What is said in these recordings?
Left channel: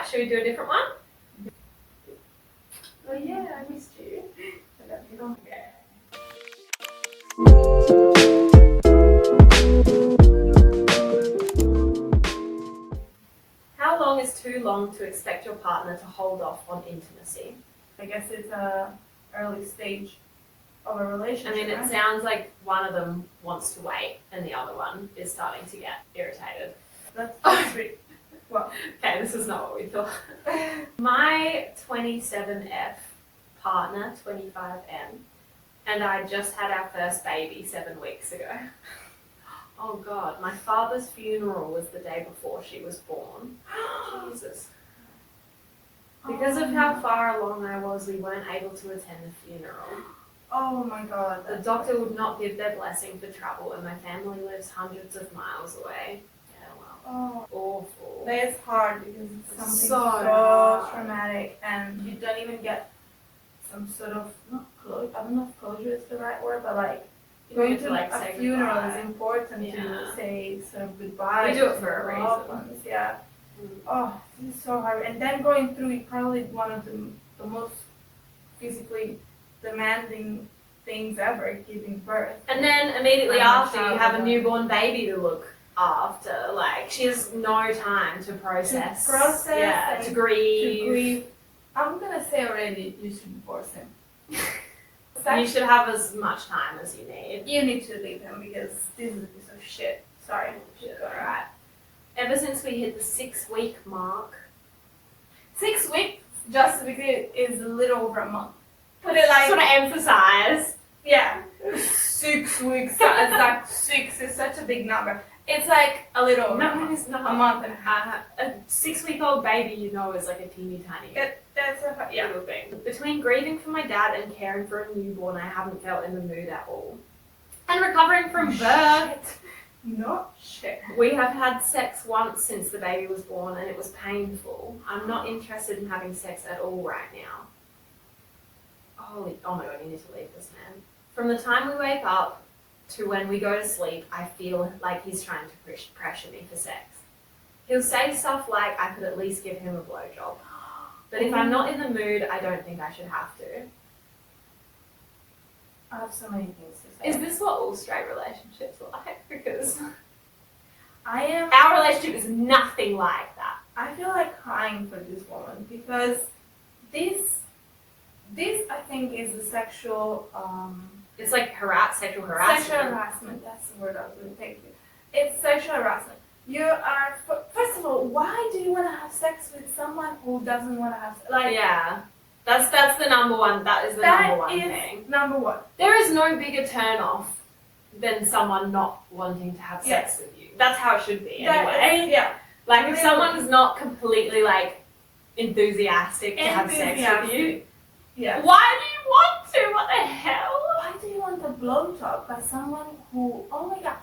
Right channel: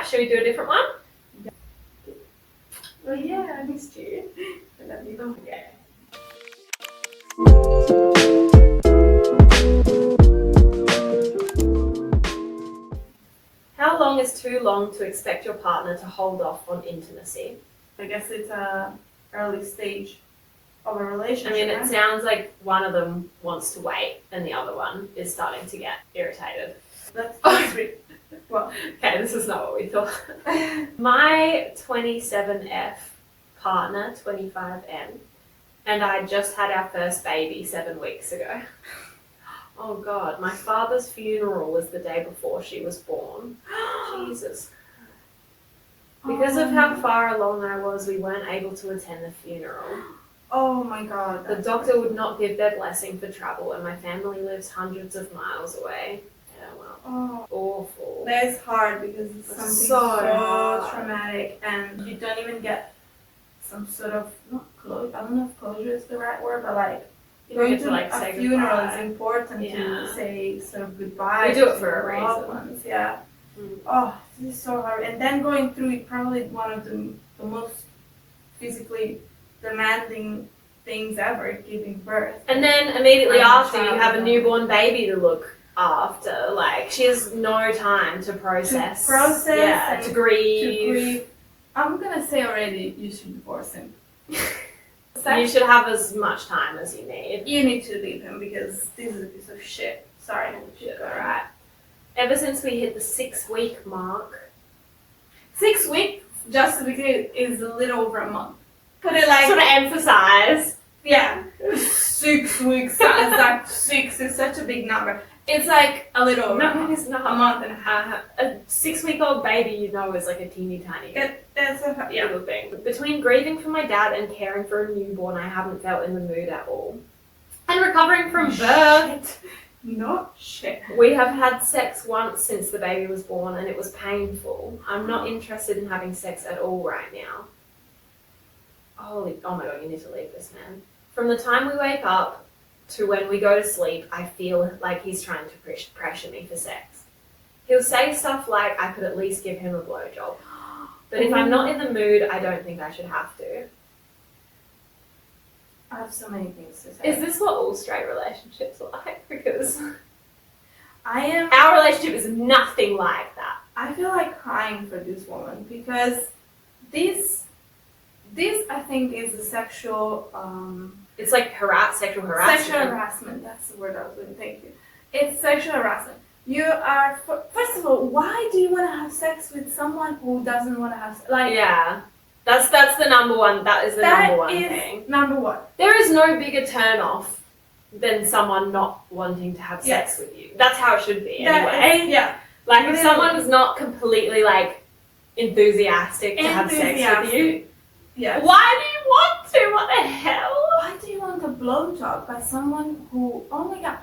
Alright, should we do a different one? Oh yeah, I missed you. I love you. Okay. How long is too long to expect your partner to hold off on intimacy? I guess it's a early stage of a relationship. I mean, it right? sounds like one of them wants to wait and the other one is starting to get irritated. That's sweet. Well, Okay, this is not what we thought. My 27F partner, 25M, and I just had our first baby 7 weeks ago. Oh God, my father's funeral was the day before she was born. Jesus. Because of how far along I was, we weren't able to attend the funeral. oh my God. The doctor would not give their blessing for travel, and my family lives hundreds of miles away. Yeah, well, Oh, awful. that is hard because it's something So so hard. traumatic, and you don't even get some sort of not closure. I don't know if closure is the right word, but like You don't going get to like a say funeral goodbye. is important Yeah. to say sort of goodbye. We do it to for a your loved reason. ones. Yeah. Mm. Oh, this is so hard. And then going through probably one of the most physically demanding things ever, giving birth. And then immediately Right, after, you child have a and newborn baby to look after. Like, she has no time to process. Yeah, and to grieve. I'm gonna say already, you should divorce him. You should have as much time as you need. You need to leave him because this is a piece of shit. Sorry. Right. Ever since we hit the 6-week mark. 6 weeks, just to be clear, is a little over a month. Put it like, Sort of emphasize. yeah, 6 weeks. Exact 6 is such a big number. It's like a little over a No, month. it's not. A month and a half. A 6-week-old baby, you know, is like a teeny tiny That's a yeah. little thing. Between grieving for my dad and caring for a newborn, I haven't felt in the mood at all. And recovering from birth. Not shit. We have had sex once since the baby was born and it was painful. I'm not interested in having sex at all right now. Oh my God, you need to leave this man. From the time we wake up to when we go to sleep, I feel like he's trying to pressure me for sex. He'll say stuff like I could at least give him a blowjob. But if I'm not in the mood, I don't think I should have to. I have so many things to say. Is this what all straight relationships are like? Because our our relationship is nothing like that. I feel like crying for this woman because this I think is a sexual It's like sexual harassment. Sexual harassment, that's the word I was going to thank you. It's sexual harassment. You are, first of all, why do you want to have sex with someone who doesn't want to have sex? Like, Yeah. That's the number one, that is the number one that thing. is number one. There is no bigger turn off than someone not wanting to have sex with you. That's how it should be anyway. Yeah. Like if someone is not completely like enthusiastic to have sex with you, Yeah. why do you want to? What the hell? Why do you want a blowjob by someone who, oh my God.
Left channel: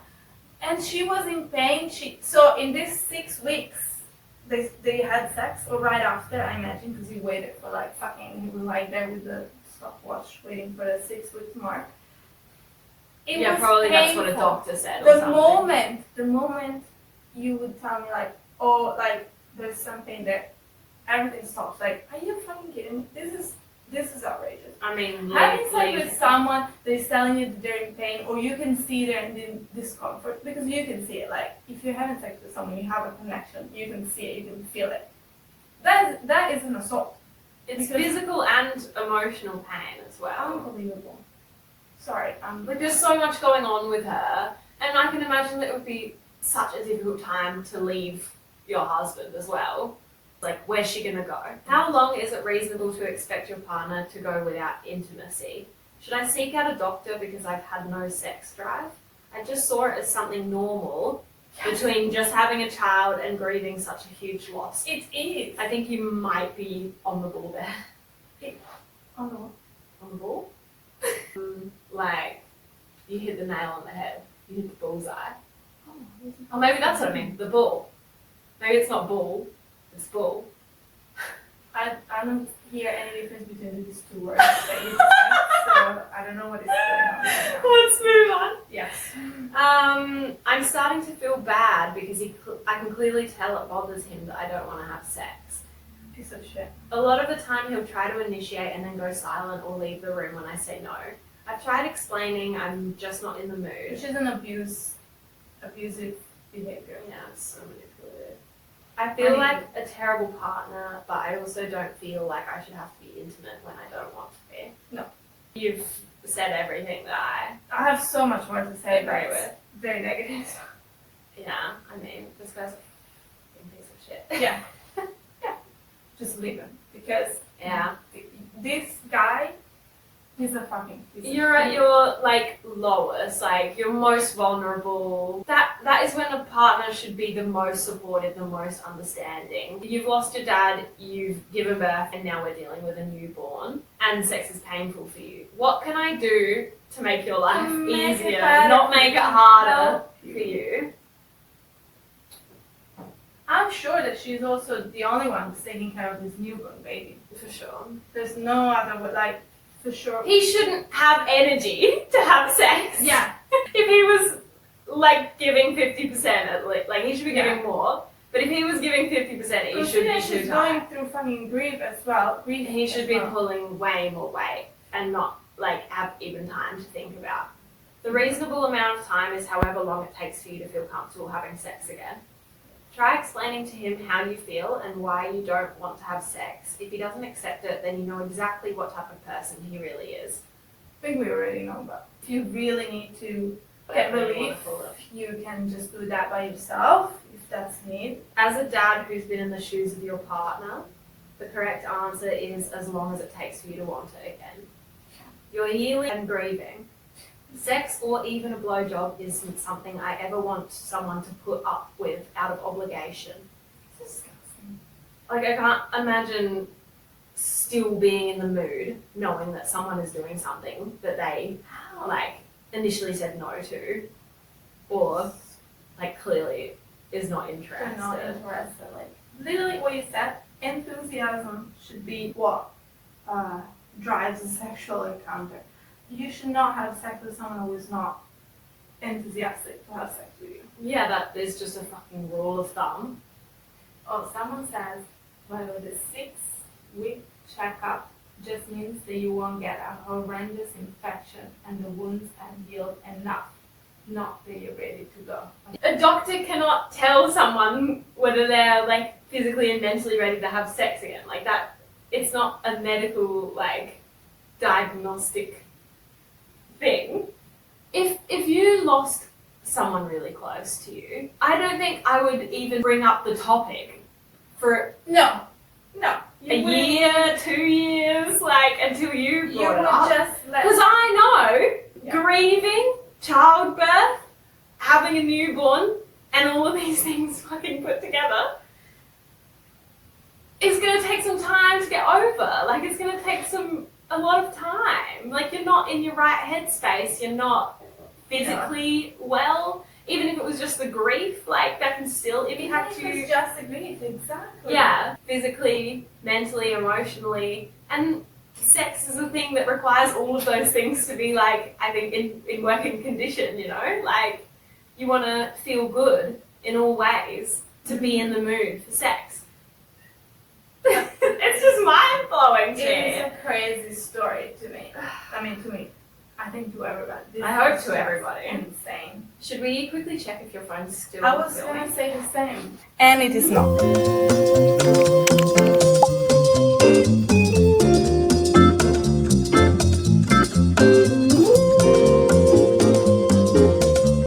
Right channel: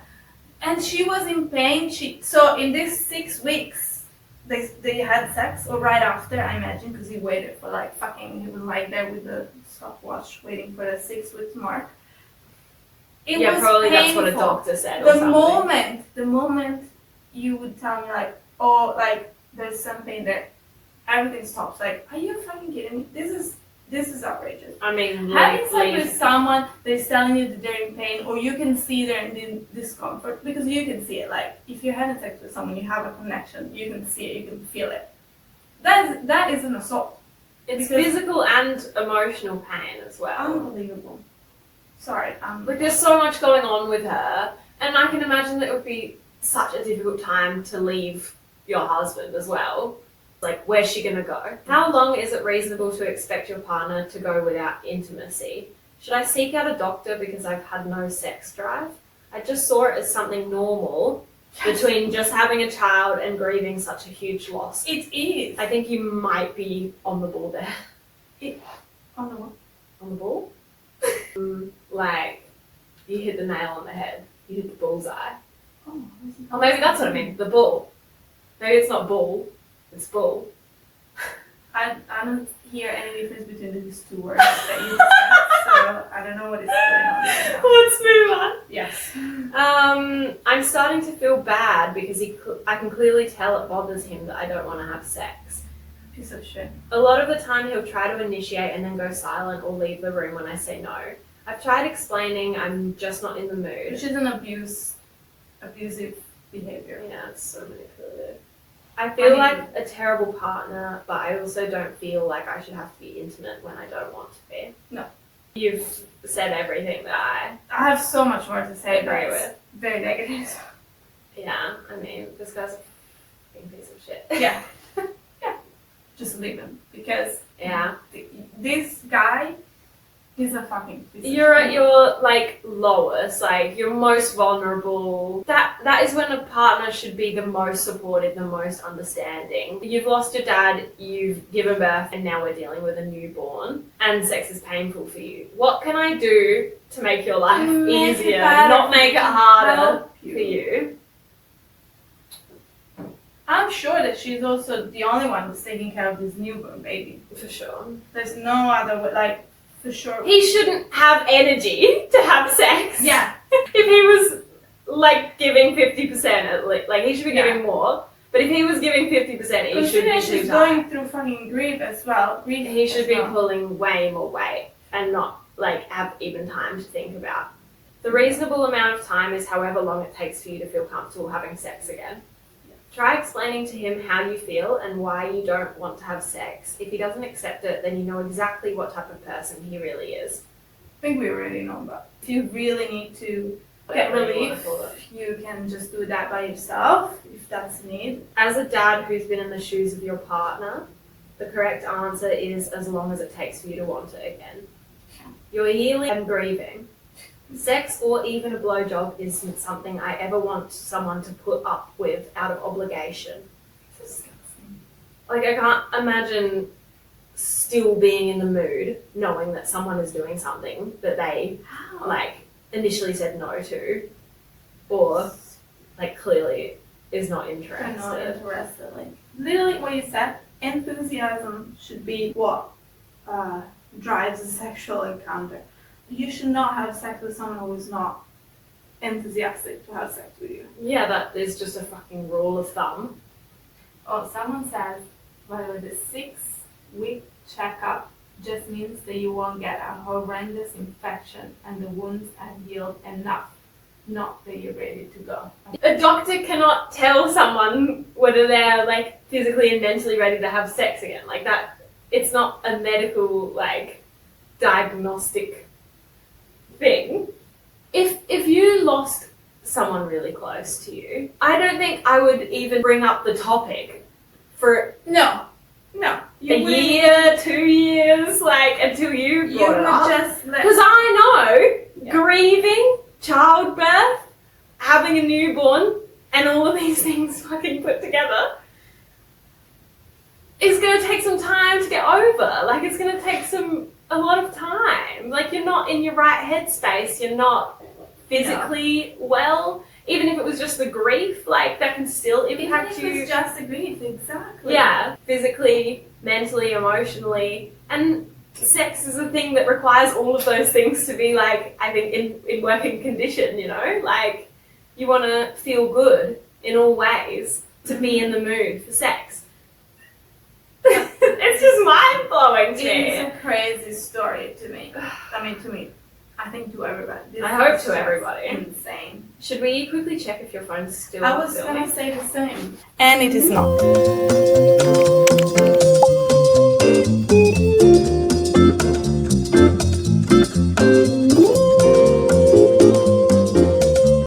And she was in pain. So in these 6 weeks, they had sex, or right after, I imagine, because he waited for like fucking, he was like there with the stopwatch waiting for the 6 week mark. It was probably painful. that's what a doctor said or something. The moment you would tell me like, oh, like there's something there, everything stops. Like, are you fucking kidding me? This is outrageous. I mean, Having sex with someone that's telling you that they're in pain, or you can see they're in discomfort, because you can see it. Like, if you're having sex with someone, you have a connection, you can see it, you can feel it. That is an assault. It's physical and emotional pain as well. Unbelievable. Sorry. Like there's so much going on with her, and I can imagine that it would be such a difficult time to leave your husband as well. Like, where's she gonna go? How long is it reasonable to expect your partner to go without intimacy? Should I seek out a doctor because I've had no sex drive? I just saw it as something normal between just having a child and grieving such a huge loss. It is. I think you might be on the ball there. Oh no. On the ball? Like, you hit the nail on the head. You hit the bullseye. Oh, maybe that's what I mean. The bull. Maybe it's not bull. It's bull. I don't hear any difference between these two words that you said, so I don't know what is going on there. Let's move on. Yes. I'm starting to feel bad because I can clearly tell it bothers him that I don't want to have sex. Piece of shit. A lot of the time he'll try to initiate and then go silent or leave the room when I say no. I've tried explaining I'm just not in the mood. Which is an abusive behavior. Yeah, it's so manipulative. I feel like a terrible partner, but I also don't feel like I should have to be intimate when I don't want to be. No. You've said everything that I have so much more to say, but agree it's with. very negative. Yeah, I mean, this guy's a fucking piece of shit. Yeah. Yeah. Just leave him. Because Yeah. this guy is a fucking piece of You're shit. at your, like, lowest, like, you're most vulnerable. That is when a partner should be the most supportive, the most understanding. You've lost your dad, you've given birth, and now we're dealing with a newborn, and sex is painful for you. What can I do to make your life Make it easier, better not make it harder Help for you? I'm sure that she's also the only one who's taking care of this newborn baby. For sure. There's no other way, like, for sure. He shouldn't have energy to have sex. Yeah. If he was, like, giving 50% at least, like, he should be giving more. But if he was giving 50%, he should be she's too going through fucking grief as well. He should be pulling way more weight and not, like, have even time to think about. The reasonable amount of time is however long it takes for you to feel comfortable having sex again. Try explaining to him how you feel and why you don't want to have sex. If he doesn't accept it, then you know exactly what type of person he really is. I think we already know, but if you really need to get Whatever you relief, wanna call it. you can just do that by yourself if that's need. As a dad who's been in the shoes of your partner, the correct answer is as long as it takes for you to want it again. You're healing and grieving. Sex or even a blowjob isn't something I ever want someone to put up with out of obligation. Disgusting. Like, I can't imagine still being in the mood knowing that someone is doing something that they, How? like, initially said no to, or, like, clearly is not They're interested. not interested. Like, literally what you said, enthusiasm should be what drives a sexual encounter. You should not have sex with someone who is not enthusiastic to have sex with you. Yeah, that is just a fucking rule of thumb. Oh, someone says, by the way, the 6-week checkup just means that you won't get a horrendous infection and the wounds have healed enough, not that you're ready to go. A doctor cannot tell someone whether they're, like, physically and mentally ready to have sex again. Like, that, it's not a medical, like, diagnostic thing. If you lost someone really close to you, I don't think I would even bring up the topic for No. a year, 2 years, like, until you You brought would it up. just let. Because I know Yeah. grieving, childbirth, having a newborn, and all of these things fucking put together is going to take some time to get over. Like, it's going to take a lot of time. Like, you're not in your right headspace. You're not physically well. Even if it was just the grief, like, that can still impact Even if you. it's just a grief, exactly. Yeah, physically, mentally, emotionally. And sex is a thing that requires all of those things to be, like, I think, in working condition, you know? Like, you want to feel good in all ways to be in the mood for sex. It's just mind-blowing to me. It's a crazy story to me. I mean, to me. I think to everybody. This I hope is to just everybody. Insane. Should we quickly check if your phone's still I was filming? gonna say the same. And it is not.